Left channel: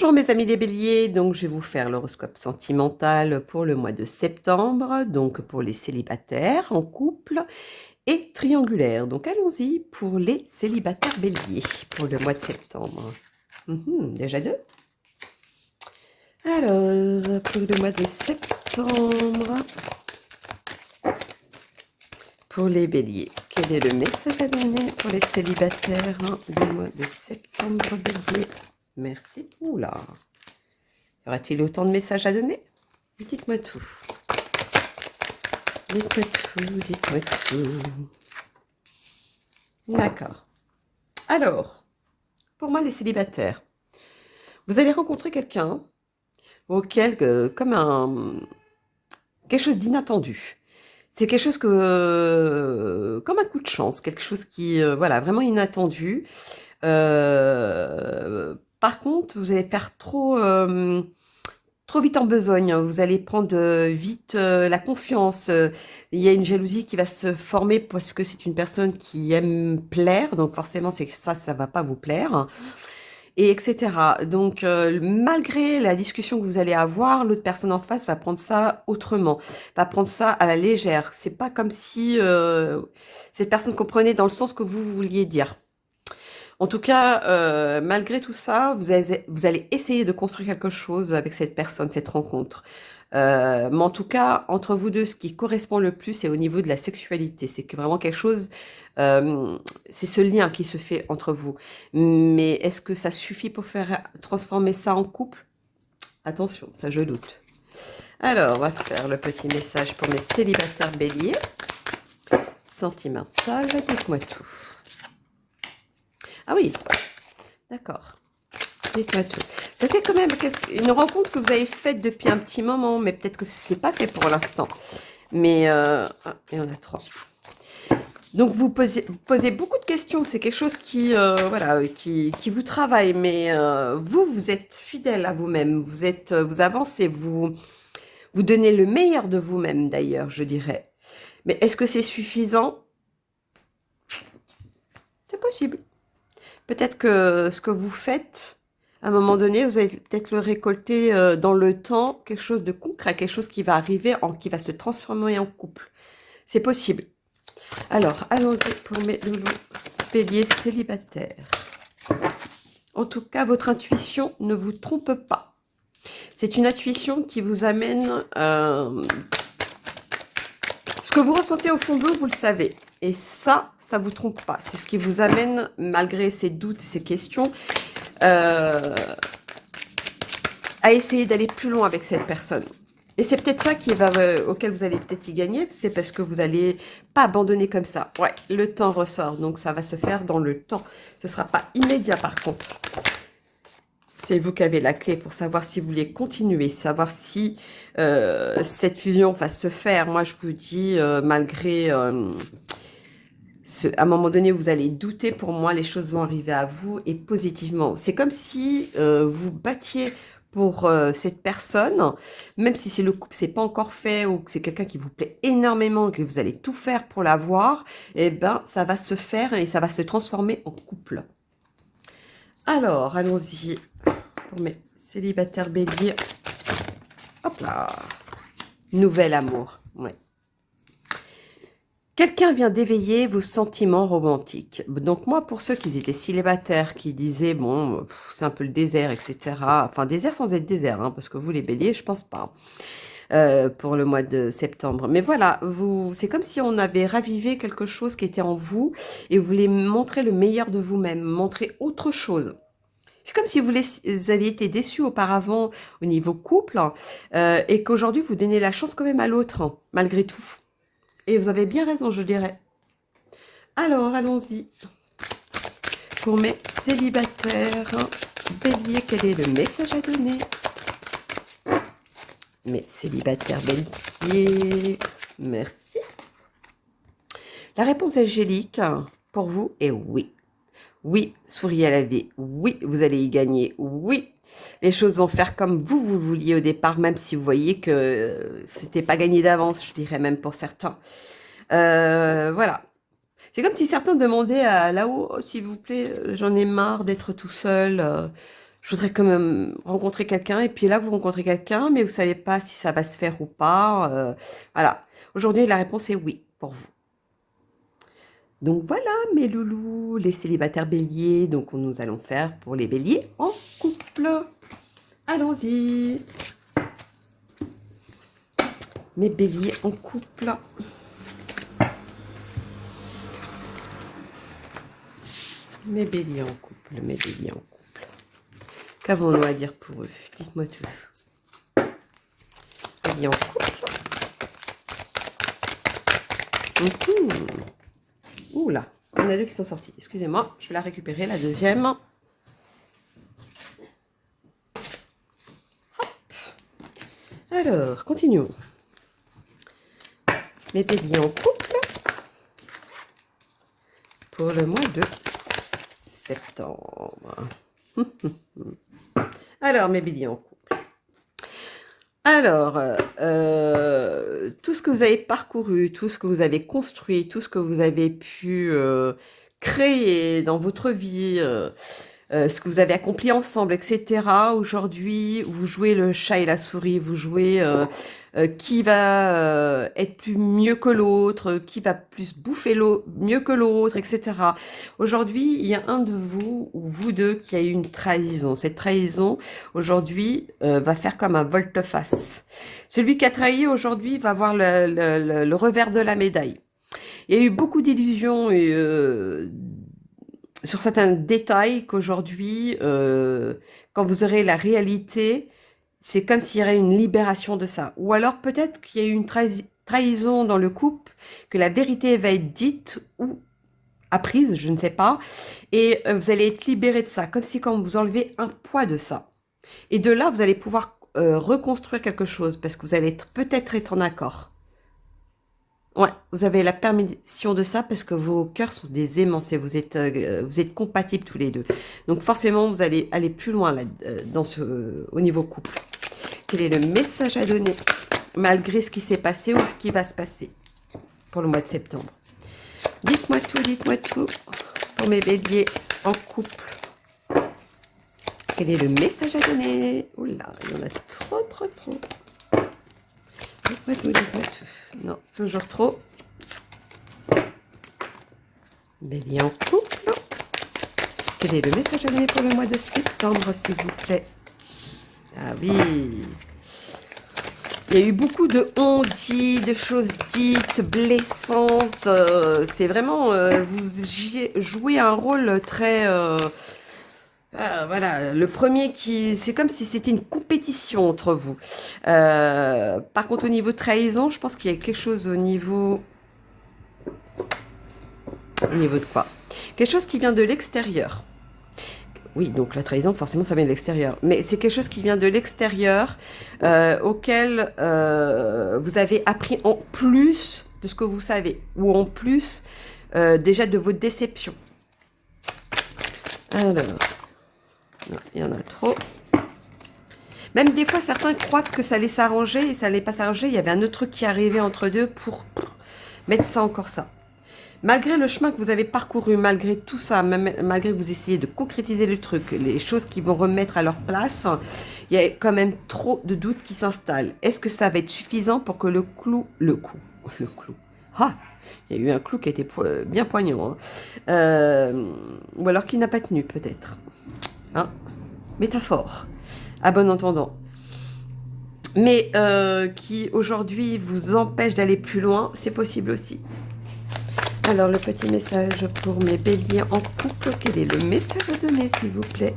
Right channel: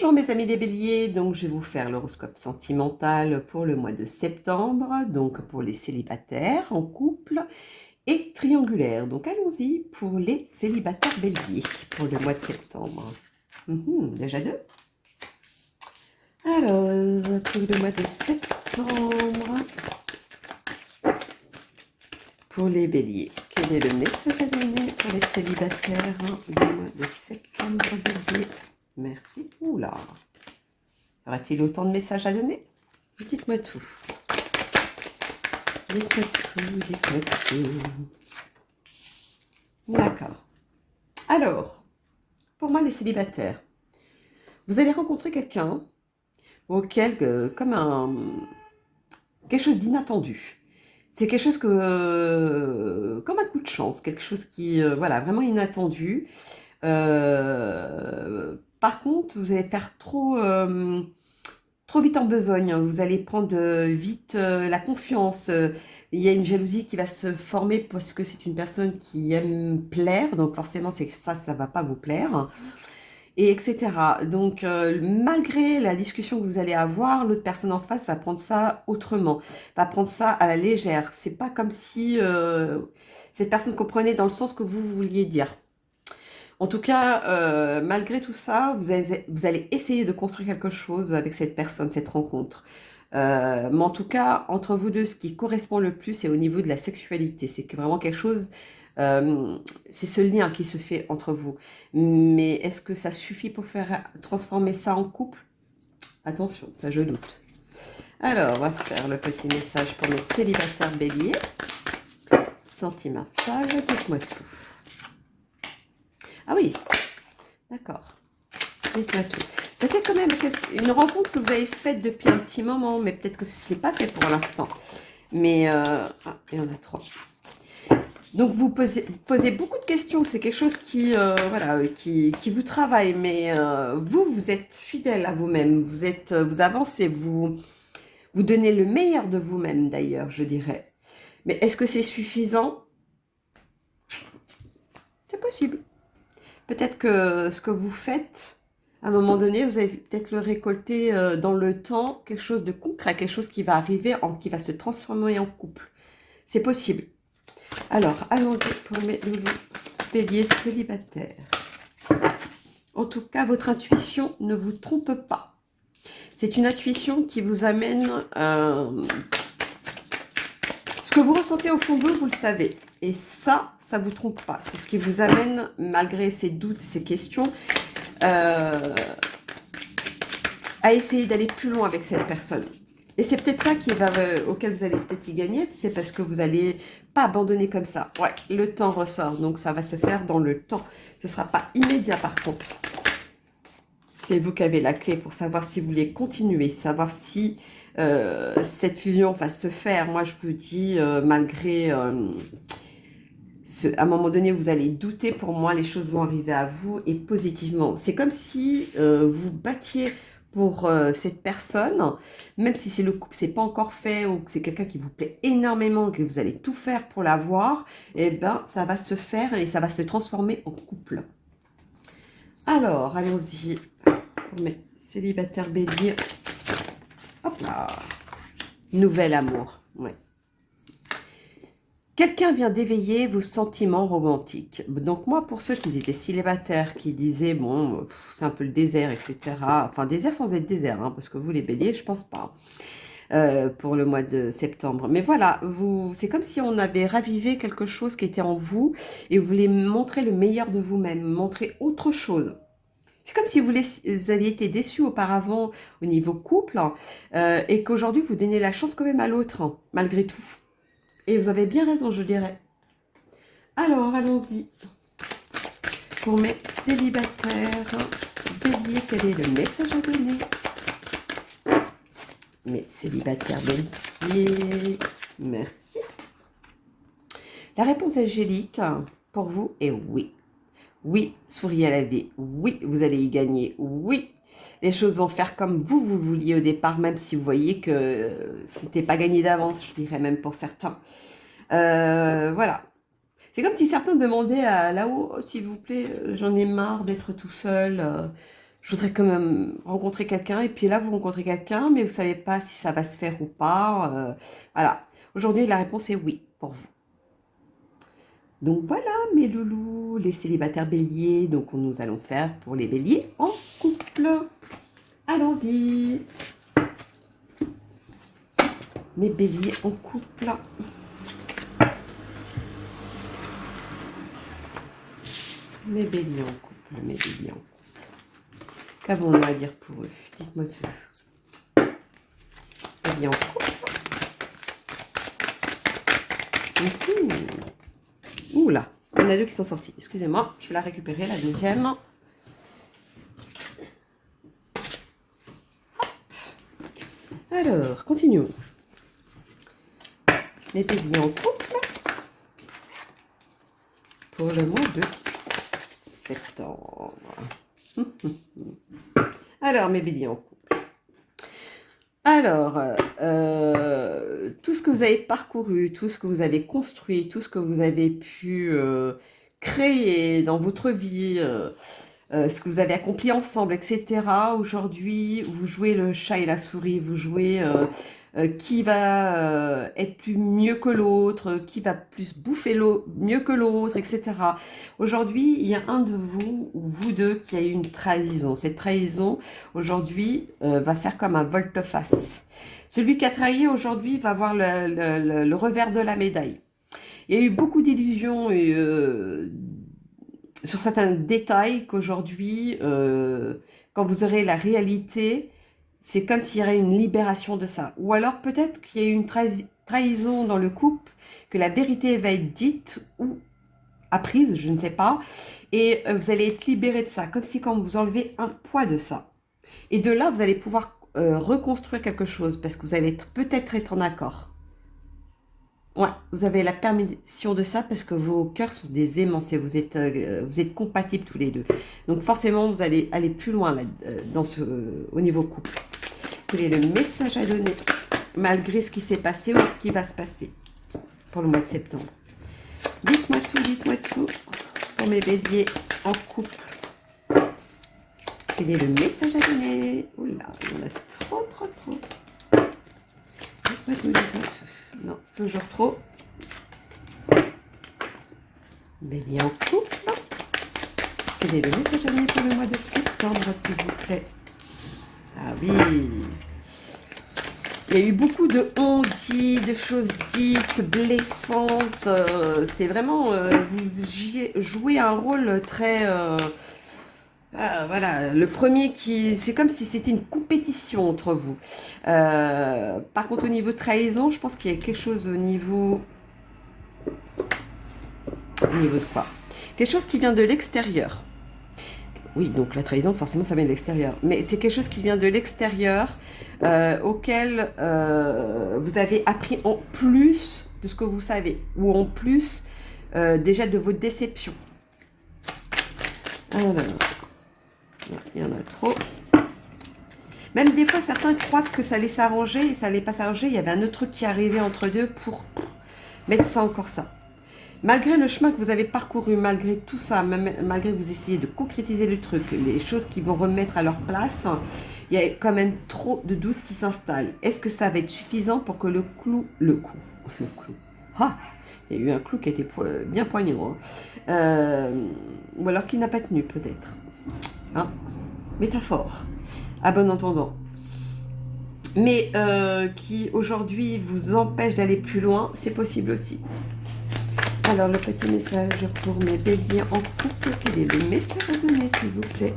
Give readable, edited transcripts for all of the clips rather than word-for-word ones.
Bonjour mes amis les béliers, donc je vais vous faire l'horoscope sentimental pour le mois de septembre, donc pour les célibataires en couple et triangulaire. Donc allons-y pour les célibataires béliers pour le mois de septembre. Déjà deux. Alors, pour le mois de septembre, pour les béliers, quel est le message à donner pour les célibataires du mois de septembre bélier? Merci. Oula. Y aura-t-il autant de messages à donner? Dites-moi tout. Dites-moi tout, dites-moi tout. D'accord. Alors, pour moi, les célibataires, vous allez rencontrer quelqu'un auquel, quelque chose d'inattendu. C'est quelque chose comme un coup de chance, quelque chose qui, voilà, vraiment inattendu. Par contre, vous allez faire trop vite en besogne, vous allez prendre vite la confiance. Il y a une jalousie qui va se former parce que c'est une personne qui aime plaire, donc forcément c'est que ça va pas vous plaire, et etc. Donc malgré la discussion que vous allez avoir, l'autre personne en face va prendre ça autrement, va prendre ça à la légère. C'est pas comme si cette personne comprenait dans le sens que vous vouliez dire. En tout cas, malgré tout ça, vous allez essayer de construire quelque chose avec cette personne, cette rencontre. Mais en tout cas, entre vous deux, ce qui correspond le plus, c'est au niveau de la sexualité. C'est que vraiment quelque chose, euh, c'est ce lien qui se fait entre vous. Mais est-ce que ça suffit pour faire transformer ça en couple? Attention, ça je doute. Alors, on va faire le petit message pour mes célibataires béliers. Sentimental, dites-moi tout. Ah oui, d'accord. Dites-moi tout. Ça fait quand même une rencontre que vous avez faite depuis un petit moment, mais peut-être que ce n'est pas fait pour l'instant. Mais, il y en a trois. Donc vous posez beaucoup de questions, c'est quelque chose qui, voilà, qui vous travaille, mais vous êtes fidèle à vous-même, vous avancez, vous donnez le meilleur de vous-même d'ailleurs, je dirais. Mais est-ce que c'est suffisant? C'est possible. Peut-être que ce que vous faites, à un moment donné, vous allez peut-être le récolter dans le temps, quelque chose de concret, quelque chose qui va arriver, qui va se transformer en couple. C'est possible. Alors, allons-y pour mes loulous béliers célibataires. En tout cas, votre intuition ne vous trompe pas. C'est une intuition qui vous amène... ce que vous ressentez au fond de vous, vous le savez. Et ça vous trompe pas. C'est ce qui vous amène, malgré ces doutes, ces questions, à essayer d'aller plus loin avec cette personne. Et c'est peut-être ça auquel vous allez peut-être y gagner, c'est parce que vous n'allez pas abandonner comme ça. Ouais, le temps ressort, donc ça va se faire dans le temps. Ce ne sera pas immédiat par contre. C'est vous qui avez la clé pour savoir si vous voulez continuer, savoir si cette fusion va se faire. Moi, je vous dis, malgré... à un moment donné, vous allez douter, pour moi, les choses vont arriver à vous et positivement. C'est comme si vous battiez pour cette personne, même si c'est le couple, c'est pas encore fait ou que c'est quelqu'un qui vous plaît énormément, que vous allez tout faire pour l'avoir, et ben ça va se faire et ça va se transformer en couple. Alors, allons-y pour mes célibataires béliers. Hop là, nouvel amour. Ouais. Quelqu'un vient d'éveiller vos sentiments romantiques. Donc moi, pour ceux qui étaient célibataires, qui disaient, bon, c'est un peu le désert, etc. Enfin, désert sans être désert, hein, parce que vous, les béliers, je pense pas, pour le mois de septembre. Mais voilà, c'est comme si on avait ravivé quelque chose qui était en vous et vous voulez montrer le meilleur de vous-même, montrer autre chose. C'est comme si vous aviez été déçu auparavant au niveau couple et qu'aujourd'hui, vous donnez la chance quand même à l'autre, hein, malgré tout. Et vous avez bien raison, je dirais. Alors, allons-y. Pour mes célibataires, bélier, quel est le message à donner? Mes célibataires bélier, merci. La réponse angélique pour vous est oui. Oui, souriez à la vie. Oui, vous allez y gagner. Oui, les choses vont faire comme vous vouliez au départ, même si vous voyez que c'était pas gagné d'avance, je dirais même pour certains. Voilà. C'est comme si certains demandaient à là-haut, oh, s'il vous plaît, j'en ai marre d'être tout seul. je voudrais quand même rencontrer quelqu'un. Et puis là, vous rencontrez quelqu'un, mais vous ne savez pas si ça va se faire ou pas. Voilà. Aujourd'hui, la réponse est oui pour vous. Donc voilà, mes loulous, les célibataires béliers. Donc nous allons faire pour les béliers en couple. Allons-y. Mes béliers en couple. Mes béliers en couple, mes béliers en couple. Qu'avons-nous à dire pour eux? Dites-moi tout. Béliers en couple. Ouh là, il y en a deux qui sont sortis. Excusez-moi, je vais la récupérer, la deuxième. Hop. Alors, continuons. Les béliers en couple pour le mois de septembre. Alors, mes béliers en couple. Alors, tout ce que vous avez parcouru, tout ce que vous avez construit, tout ce que vous avez pu créer dans votre vie, ce que vous avez accompli ensemble, etc. Aujourd'hui, vous jouez le chat et la souris, vous jouez qui va être plus mieux que l'autre, qui va plus bouffer mieux que l'autre, etc. Aujourd'hui, il y a un de vous ou vous deux qui a eu une trahison. Cette trahison, aujourd'hui, va faire comme un volte-face. Celui qui a trahi aujourd'hui va voir le revers de la médaille. Il y a eu beaucoup d'illusions et sur certains détails qu'aujourd'hui, quand vous aurez la réalité, c'est comme s'il y aurait une libération de ça. Ou alors peut-être qu'il y a eu une trahison dans le couple, que la vérité va être dite ou apprise, je ne sais pas, et vous allez être libéré de ça, comme si quand vous enlevez un poids de ça. Et de là, vous allez pouvoir reconstruire quelque chose, parce que vous allez peut-être être en accord. Ouais, vous avez la permission de ça parce que vos cœurs sont des aimants, vous êtes compatibles tous les deux. Donc forcément, vous allez aller plus loin là, au niveau couple. Quel est le message à donner malgré ce qui s'est passé ou ce qui va se passer pour le mois de septembre? Dites-moi tout pour mes béliers en couple. Quel est le message à donner? Oula, il y en a trop. Dites-moi tout. Non, toujours trop. Bélier en couple. Quel est le message à donner pour le mois de septembre, s'il vous plaît? Ah oui. Il y a eu beaucoup de on-dit, de choses dites, blessantes. C'est vraiment, vous jouez un rôle très... voilà, le premier c'est comme si c'était une compétition entre vous. Par contre, au niveau trahison, je pense qu'il y a quelque chose au niveau de quoi? Quelque chose qui vient de l'extérieur. Oui, donc la trahison, forcément, ça vient de l'extérieur. Mais c'est quelque chose qui vient de l'extérieur, auquel vous avez appris en plus de ce que vous savez, ou en plus déjà de vos déceptions. Alors, non, il y en a trop. Même des fois, certains croient que ça allait s'arranger et ça allait pas s'arranger. Il y avait un autre truc qui arrivait entre deux pour mettre ça encore ça. Malgré le chemin que vous avez parcouru, malgré tout ça, malgré que vous essayez de concrétiser le truc, les choses qui vont remettre à leur place, il y a quand même trop de doutes qui s'installent. Est-ce que ça va être suffisant pour que le clou... Ah, il y a eu un clou qui a été bien poignant. Hein. Ou alors qui n'a pas tenu, peut-être. Hein, métaphore, à bon entendant. Mais qui, aujourd'hui, vous empêche d'aller plus loin, c'est possible aussi. Alors, le petit message pour mes béliers en couple. Quel est le message à donner, s'il vous plaît,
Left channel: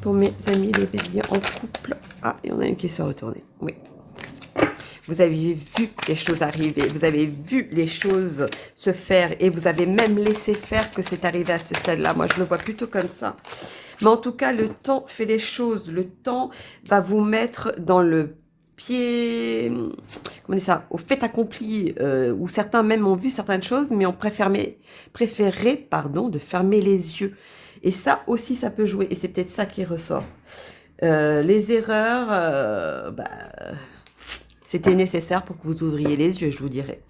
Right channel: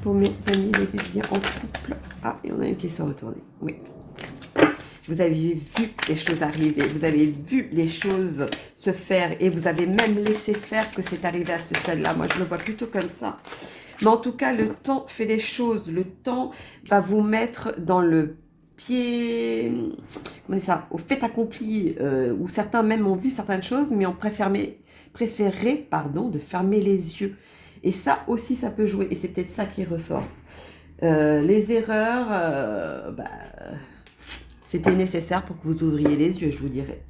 pour mes amis les béliers en couple? Ah, il y en a une qui s'est retournée. Oui. Vous avez vu les choses arriver, vous avez vu les choses se faire et vous avez même laissé faire que c'est arrivé à ce stade-là. Moi, je le vois plutôt comme ça. Mais en tout cas, le temps fait les choses. Le temps va vous mettre dans le pied, comment on dit ça, au fait accompli, où certains même ont vu certaines choses, mais ont préféré de fermer les yeux. Et ça aussi, ça peut jouer. Et c'est peut-être ça qui ressort. Les erreurs, c'était nécessaire pour que vous ouvriez les yeux, je vous dirais.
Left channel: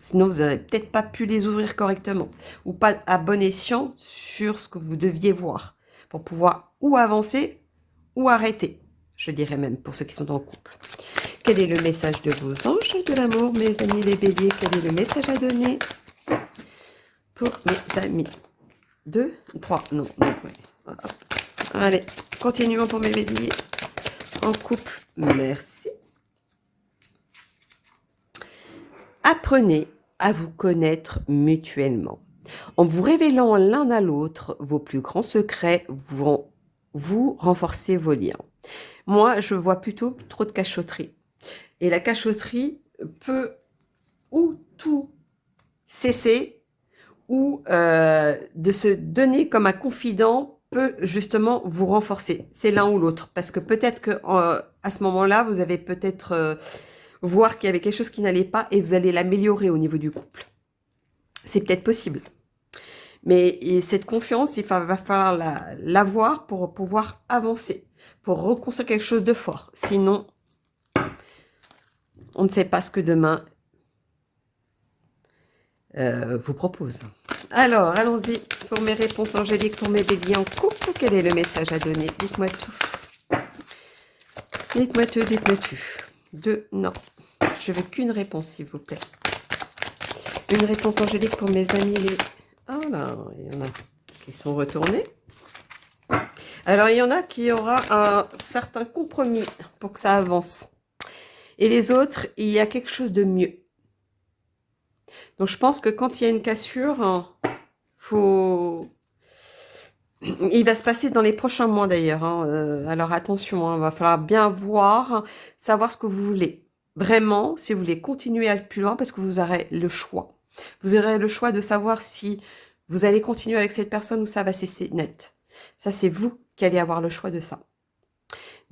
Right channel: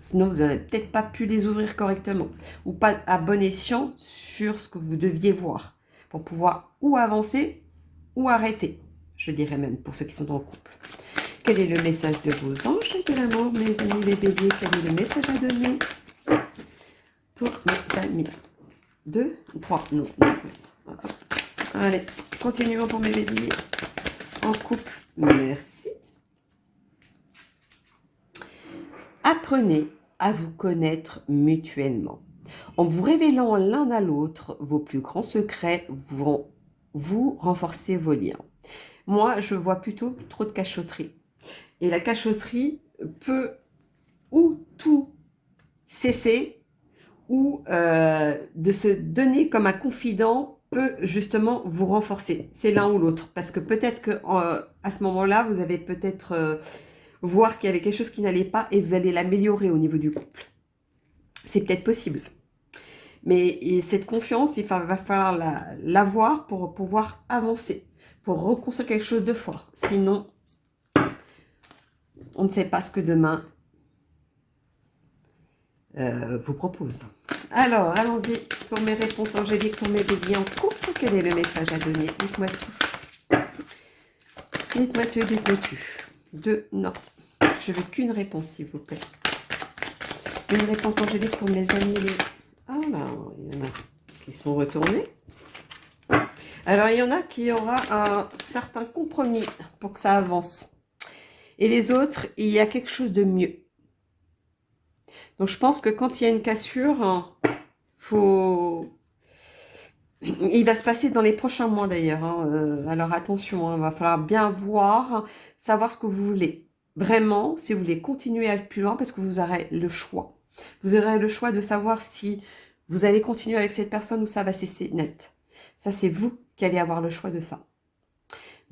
Sinon, vous n'aurez peut-être pas pu les ouvrir correctement. Ou pas à bon escient sur ce que vous deviez voir. Pour pouvoir ou avancer ou arrêter, je dirais même, pour ceux qui sont en couple. Quel est le message de vos anges et de l'amour, mes amis les béliers? Quel est le message à donner pour mes amis? 2, 3, non. Allez, continuons pour mes béliers. En couple, merci. Apprenez à vous connaître mutuellement. En vous révélant l'un à l'autre vos plus grands secrets vont vous renforcer vos liens. Moi, je vois plutôt trop de cachotterie. Et la cachotterie peut ou tout cesser, ou de se donner comme un confident peut justement vous renforcer. C'est l'un ou l'autre. Parce que peut-être qu'à ce moment-là, vous avez peut-être voir qu'il y avait quelque chose qui n'allait pas et vous allez l'améliorer au niveau du couple. C'est peut-être possible. Mais cette confiance, il va falloir l'avoir pour pouvoir avancer, pour reconstruire quelque chose de fort. Sinon, on ne sait pas ce que demain vous propose. Alors, allons-y pour mes réponses angéliques, pour mes béliers en couple. Quel est le message à donner? Dites-moi tout. Dites-moi tout, dites-moi tout. Non. Je veux qu'une réponse, s'il vous plaît. Une réponse angélique pour mes amis. Oh là, il y en a qui sont retournés. Alors, il y en a qui aura un certain compromis pour que ça avance. Et les autres, il y a quelque chose de mieux. Donc, je pense que quand il y a une cassure, il va se passer dans les prochains mois d'ailleurs. Alors, attention, il va falloir bien voir, savoir ce que vous voulez. Vraiment, si vous voulez continuer à aller plus loin, parce que vous aurez le choix. Vous aurez le choix de savoir si vous allez continuer avec cette personne ou ça va cesser net. Ça, c'est vous qui allez avoir le choix de ça.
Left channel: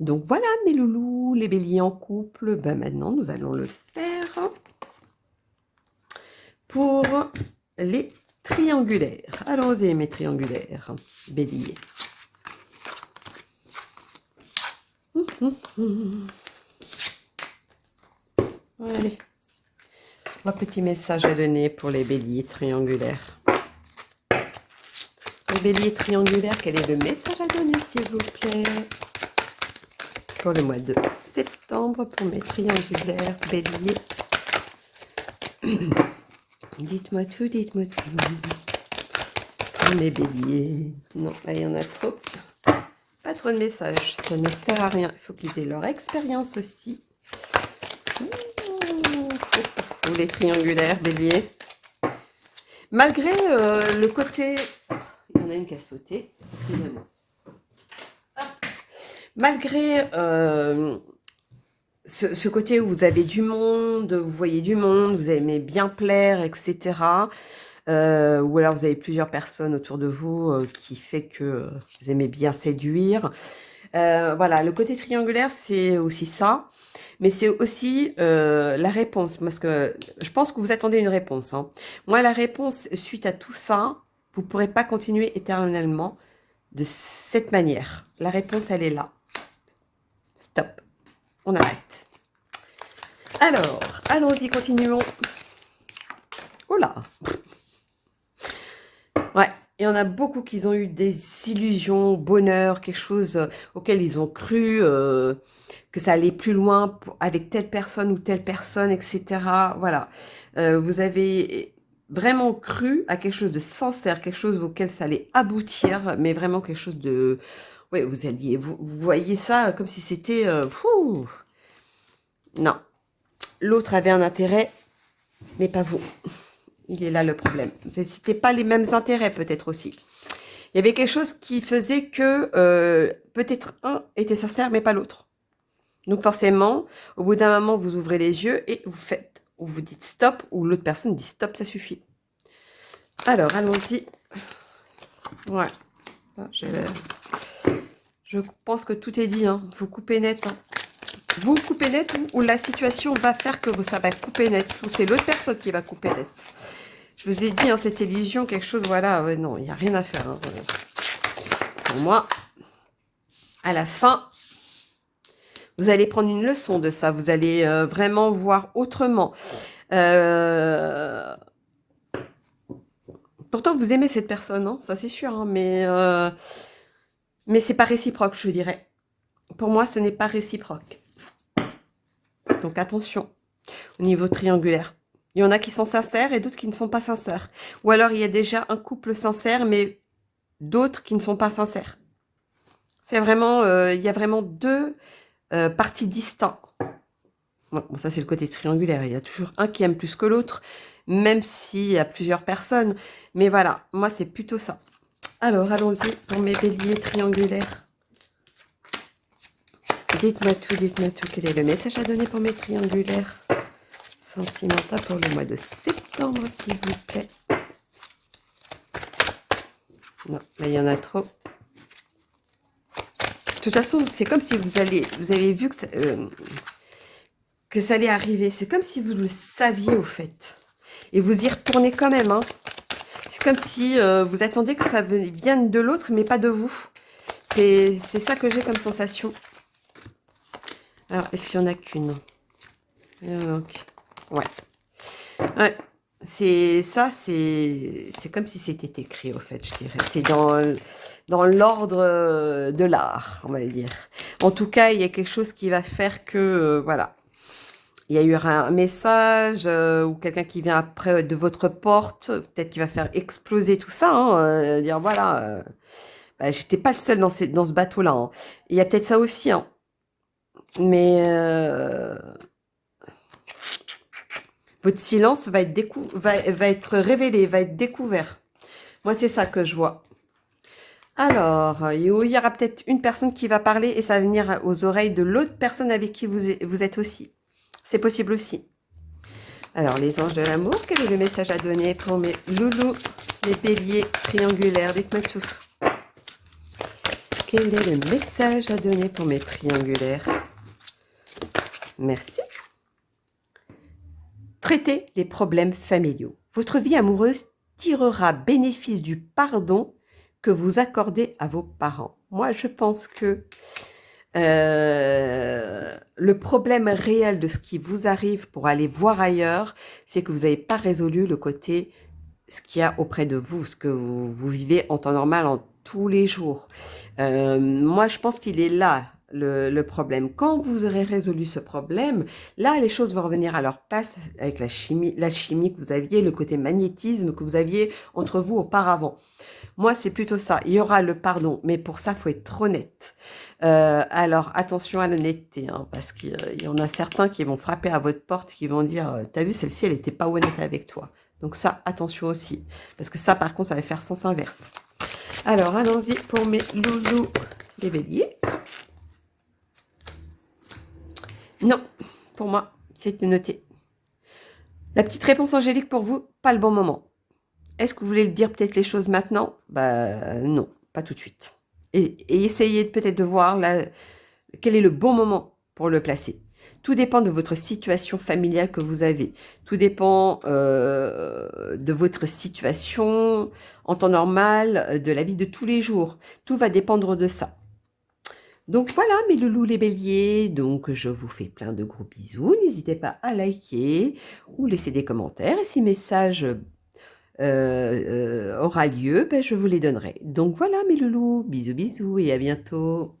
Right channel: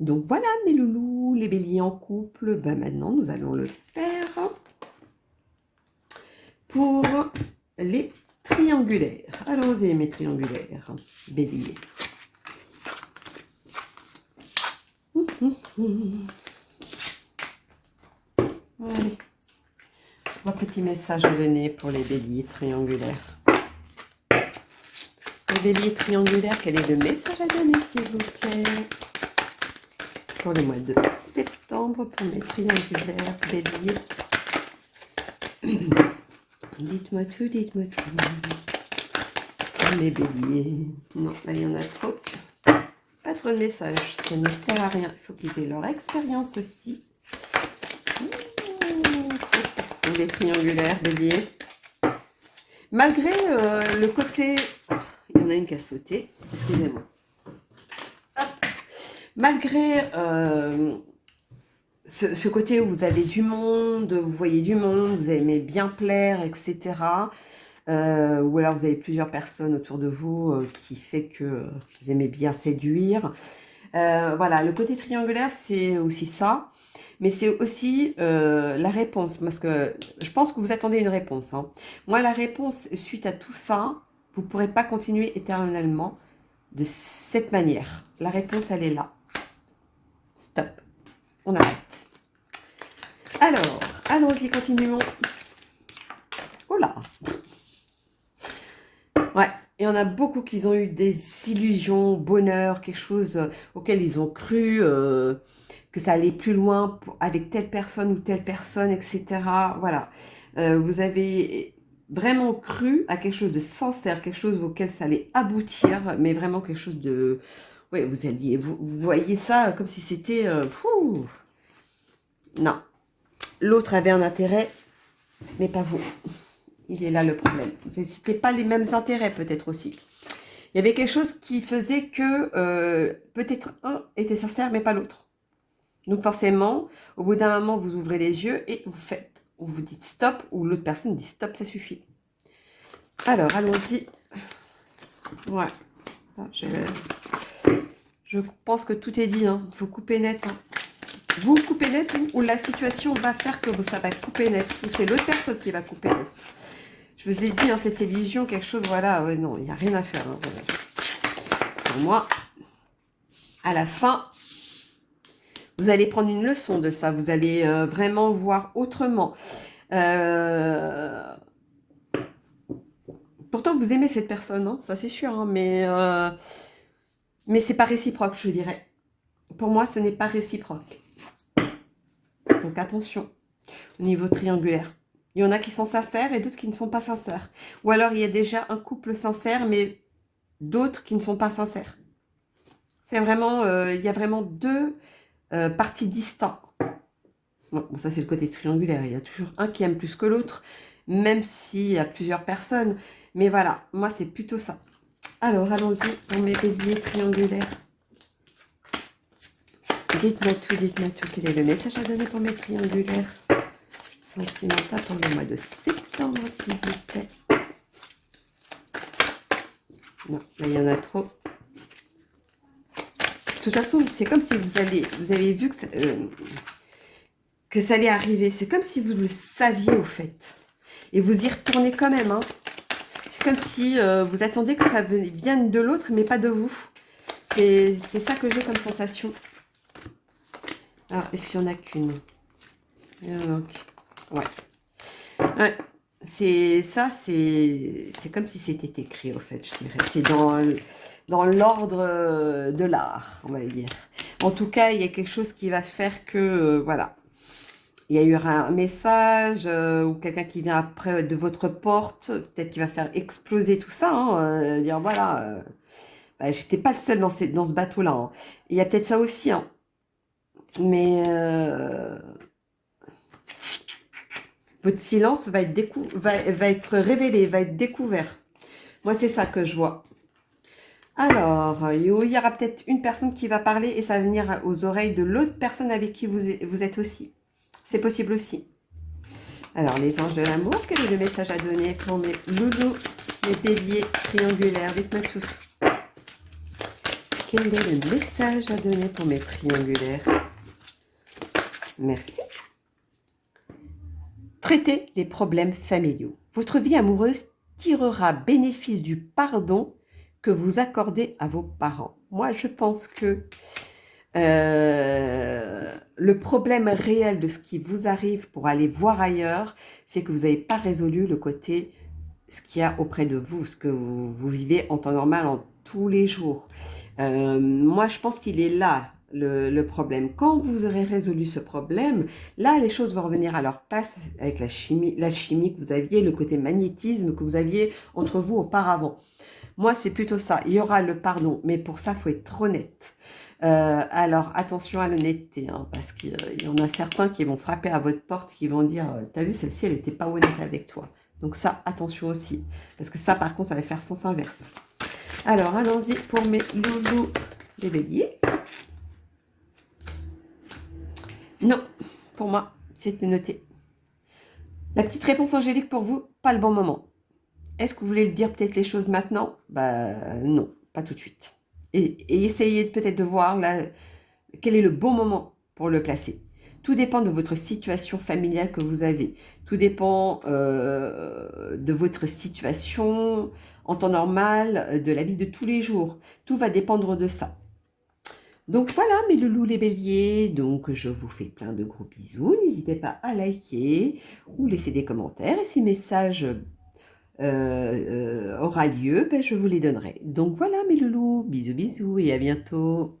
Donc voilà, mes loulous, les béliers en couple. Ben maintenant, nous allons le faire pour les triangulaires. Allons-y, mes triangulaires, béliers. Allez. Un petit message à donner pour les béliers triangulaires. Les béliers triangulaires, quel est le message à donner, s'il vous plaît? Pour le mois de septembre, pour mes triangulaires béliers. Dites-moi tout, dites-moi tout. Pour mes béliers. Non, là, il y en a trop. Pas trop de messages, ça ne sert à rien. Il faut qu'ils aient leur expérience aussi. Les triangulaires béliers. Malgré le côté... Il y en a une qui a sauté. Excusez-moi. Malgré ce côté où vous avez du monde, vous voyez du monde, vous aimez bien plaire, etc. Ou alors vous avez plusieurs personnes autour de vous qui fait que vous aimez bien séduire. Voilà, le côté triangulaire, c'est aussi ça. Mais c'est aussi la réponse, parce que je pense que vous attendez une réponse. Hein. Moi, la réponse, suite à tout ça, vous ne pourrez pas continuer éternellement de cette manière. La réponse, elle est là. Stop. On arrête. Alors, allons-y, continuons. Oh là. Ouais, il y en a beaucoup qui ont eu des illusions, bonheur, quelque chose auquel ils ont cru... que ça allait plus loin avec telle personne ou telle personne, etc. Voilà. Vous avez vraiment cru à quelque chose de sincère, quelque chose auquel ça allait aboutir, mais vraiment quelque chose de... Oui, vous voyez ça comme si c'était... Non. L'autre avait un intérêt, mais pas vous. Il est là le problème. C'était pas les mêmes intérêts peut-être aussi. Il y avait quelque chose qui faisait que peut-être un était sincère, mais pas l'autre. Donc forcément, au bout d'un moment, vous ouvrez les yeux et vous faites, ou vous dites stop, ou l'autre personne dit stop, ça suffit. Alors, allons-y. Ouais. Je pense que tout est dit. Hein. Vous coupez net. Hein. Vous coupez net ou la situation va faire que ça va couper net. Ou c'est l'autre personne qui va couper net. Je vous ai dit, hein, cette illusion, quelque chose, voilà. Ouais, non, il n'y a rien à faire. Hein, voilà. Pour moi, à la fin... Vous allez prendre une leçon de ça. Vous allez vraiment voir autrement. Pourtant, vous aimez cette personne, hein, ça c'est sûr. Hein, mais c'est pas réciproque, je dirais. pour moi, ce n'est pas réciproque. Donc attention, au niveau triangulaire. Il y en a qui sont sincères et d'autres qui ne sont pas sincères. Ou alors il y a déjà un couple sincère, mais d'autres qui ne sont pas sincères. C'est vraiment, il y a vraiment deux parties distinctes. Bon, ça c'est le côté triangulaire. Il y a toujours un qui aime plus que l'autre, même s'il y a plusieurs personnes. Mais voilà, moi c'est plutôt ça. Alors allons-y pour mes béliers triangulaires. Dites-moi tout. Quel est le message à donner pour mes triangulaires sentimental pour le mois de septembre, s'il vous plaît. Non, là, il y en a trop. De toute façon, c'est comme si vous avez vu que ça allait arriver. C'est comme si vous le saviez, au fait. Et vous y retournez quand même. Hein. C'est comme si vous attendiez que ça vienne de l'autre, mais pas de vous. C'est ça que j'ai comme sensation. Alors, est-ce qu'il y en a qu'une? Ouais. Ouais. C'est comme si c'était écrit, au fait, je dirais. C'est dans l'ordre de l'art, on va dire. En tout cas, il y a quelque chose qui va faire que, voilà, il y a eu un message ou quelqu'un qui vient après de votre porte, peut-être qui va faire exploser tout ça, hein, dire voilà, bah, j'étais pas le seul dans ce bateau-là. Hein. Il y a peut-être ça aussi, hein. Mais votre silence va être révélé, va être découvert. Moi, c'est ça que je vois. Alors, il y aura peut-être une personne qui va parler et ça va venir aux oreilles de l'autre personne avec qui vous êtes aussi. C'est possible aussi. Alors, les anges de l'amour, quel est le message à donner pour mes loulous, les béliers triangulaires? Dites-moi tout. Quel est le message à donner pour mes triangulaires? Merci. Traitez les problèmes familiaux. Votre vie amoureuse tirera bénéfice du pardon que vous accordez à vos parents. Moi, je pense que le problème réel de ce qui vous arrive pour aller voir ailleurs, c'est que vous n'avez pas résolu le côté, ce qu'il y a auprès de vous, ce que vous vivez en temps normal, en tous les jours. Moi, je pense qu'il est là, le problème. Quand vous aurez résolu ce problème, là, les choses vont revenir à leur place avec l'alchimie que vous aviez, le côté magnétisme que vous aviez entre vous auparavant. Moi, c'est plutôt ça. Il y aura le pardon, mais pour ça, il faut être honnête. Alors, attention à l'honnêteté, hein, parce qu'il y en a certains qui vont frapper à votre porte, qui vont dire « T'as vu, celle-ci, elle n'était pas honnête avec toi. » Donc ça, attention aussi, parce que ça, par contre, ça va faire sens inverse. Alors, allons-y pour mes loulous, les béliers. Non, pour moi, c'était noté. La petite réponse angélique pour vous, pas le bon moment. Est-ce que vous voulez dire peut-être les choses maintenant? Bah non, pas tout de suite. Et essayez peut-être de voir quel est le bon moment pour le placer. Tout dépend de votre situation familiale que vous avez. Tout dépend de votre situation en temps normal, de la vie de tous les jours. Tout va dépendre de ça. Donc voilà mes loulous les béliers, donc je vous fais plein de gros bisous. N'hésitez pas à liker ou laisser des commentaires. Et si message aura lieu, ben, je vous les donnerai. Donc voilà mes loulous, bisous bisous et à bientôt.